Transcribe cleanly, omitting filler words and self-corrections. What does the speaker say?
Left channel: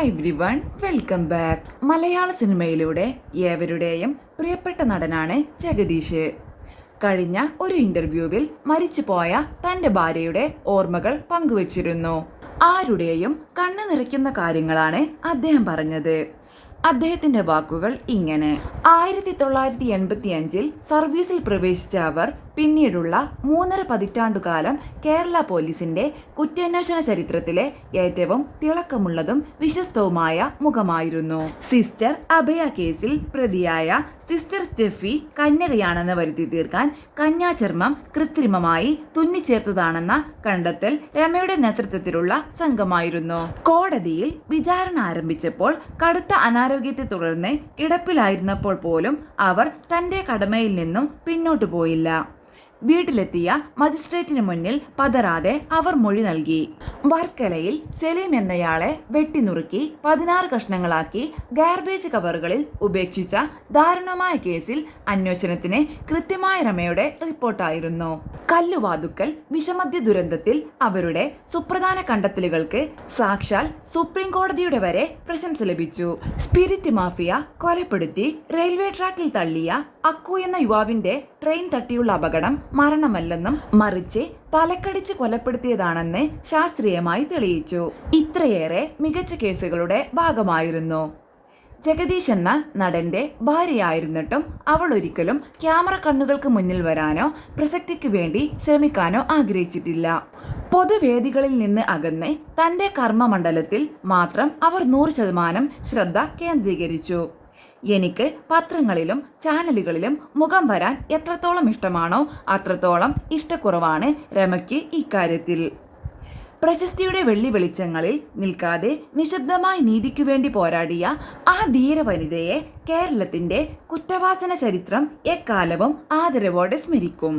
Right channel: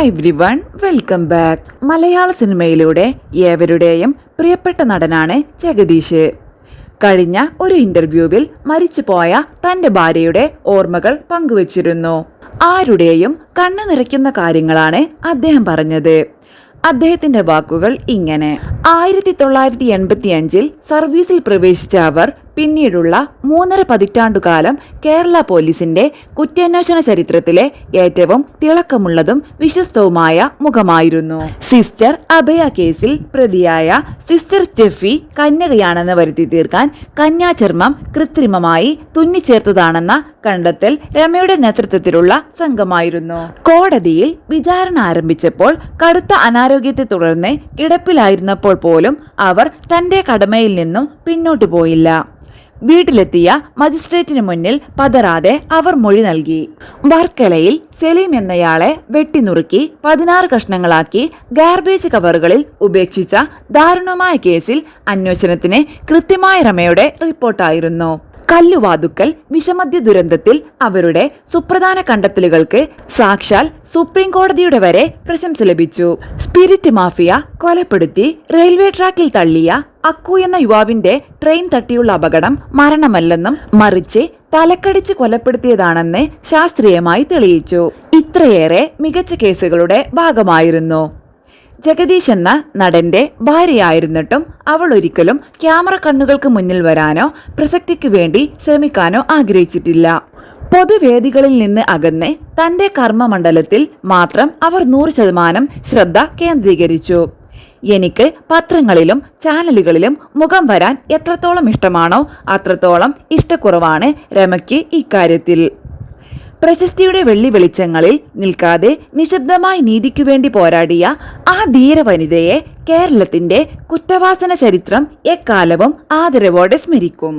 Hi everyone, welcome back. മലയാള സിനിമയിലൂടെ ഏവരുടെയും പ്രിയപ്പെട്ട നടനാണ് ജഗദീഷ്. കഴിഞ്ഞ ഒരു ഇന്റർവ്യൂവിൽ മരിച്ചുപോയ തന്റെ ഭാര്യയുടെ ഓർമ്മകൾ പങ്കുവച്ചിരുന്നു. ആരുടെയും കണ്ണു നിറയ്ക്കുന്ന കാര്യങ്ങളാണ് അദ്ദേഹം പറഞ്ഞത്. അദ്ദേഹത്തിന്റെ വാക്കുകൾ ഇങ്ങനെ: 1985 സർവീസിൽ പ്രവേശിച്ച അവർ പിന്നീടുള്ള 3.5 പതിറ്റാണ്ടുകാലം കേരള പോലീസിന്റെ കുറ്റാന്വേഷണ ചരിത്രത്തിലെ ഏറ്റവും തിളക്കമുള്ളതും വിശ്വസ്തവുമായ മുഖമായിരുന്നു. സിസ്റ്റർ അഭയ കേസിൽ പ്രതിയായ സിസ്റ്റർ സ്റ്റെഫി കന്യകയാണെന്ന് വരുത്തി തീർക്കാൻ കന്യാചർമ്മം കൃത്രിമമായി തുന്നിച്ചേർത്തതാണെന്ന കണ്ടെത്തൽ രമയുടെ നേതൃത്വത്തിലുള്ള സംഘമായിരുന്നു. കോടതിയിൽ വിചാരണ ആരംഭിച്ചപ്പോൾ കടുത്ത അനാരോഗ്യത്തെ തുടർന്ന് കിടപ്പിലായിരുന്നപ്പോൾ പോലും അവർ തന്റെ കടമയിൽ നിന്നും പിന്നോട്ടു പോയില്ല. വീട്ടിലെത്തിയ മജിസ്ട്രേറ്റിന് മുന്നിൽ പതറാതെ അവർ മൊഴി നൽകി. വർക്കലയിൽ സലീം എന്നയാളെ വെട്ടിനുറുക്കി 16 കഷ്ണങ്ങളാക്കി ഗാർബേജ് കവറുകളിൽ ഉപേക്ഷിച്ച ദാരുണമായ കേസിൽ അന്വേഷണത്തിന് കൃത്യമായ രമയുടെ റിപ്പോർട്ടായിരുന്നു. കല്ലുവാതുക്കൽ വിഷമദ്യ ദുരന്തത്തിൽ അവരുടെ സുപ്രധാന കണ്ടെത്തലുകൾക്ക് സാക്ഷാൽ സുപ്രീം കോടതിയുടെ വരെ പ്രശംസ ലഭിച്ചു. സ്പിരിറ്റ് മാഫിയ കൊലപ്പെടുത്തി റെയിൽവേ ട്രാക്കിൽ തള്ളിയ അക്കു എന്ന യുവാവിന്റെ ട്രെയിൻ തട്ടിയുള്ള അപകടം മരണമല്ലെന്നും മറിച്ച് തലക്കടിച്ച് കൊലപ്പെടുത്തിയതാണെന്ന് ശാസ്ത്രീയമായി തെളിയിച്ചു. ഇത്രയേറെ മികച്ച കേസുകളുടെ ഭാഗമായിരുന്നു. ജഗദീഷ് എന്ന നടന്റെ ഭാര്യയായിരുന്നിട്ടും അവൾ ഒരിക്കലും ക്യാമറ കണ്ണുകൾക്ക് മുന്നിൽ വരാനോ പ്രസക്തിക്ക് വേണ്ടി ശ്രമിക്കാനോ ആഗ്രഹിച്ചിട്ടില്ല. പൊതുവേദികളിൽ നിന്ന് അകന്ന് തന്റെ കർമ്മമണ്ഡലത്തിൽ മാത്രം അവർ 100% ശ്രദ്ധ കേന്ദ്രീകരിച്ചു. എനിക്ക് പത്രങ്ങളിലും ചാനലുകളിലും മുഖം വരാൻ എത്രത്തോളം ഇഷ്ടമാണോ അത്രത്തോളം ഇഷ്ടക്കുറവാണ് രമയ്ക്ക് ഇക്കാര്യത്തിൽ. പ്രശസ്തിയുടെ വെള്ളി വെളിച്ചങ്ങളിൽ നിൽക്കാതെ നിശബ്ദമായി നീതിക്കു വേണ്ടി പോരാടിയ ആ ധീര വനിതയെ കേരളത്തിന്റെ കുറ്റവാസന ചരിത്രം എക്കാലവും ആദരവോടെ സ്മരിക്കും.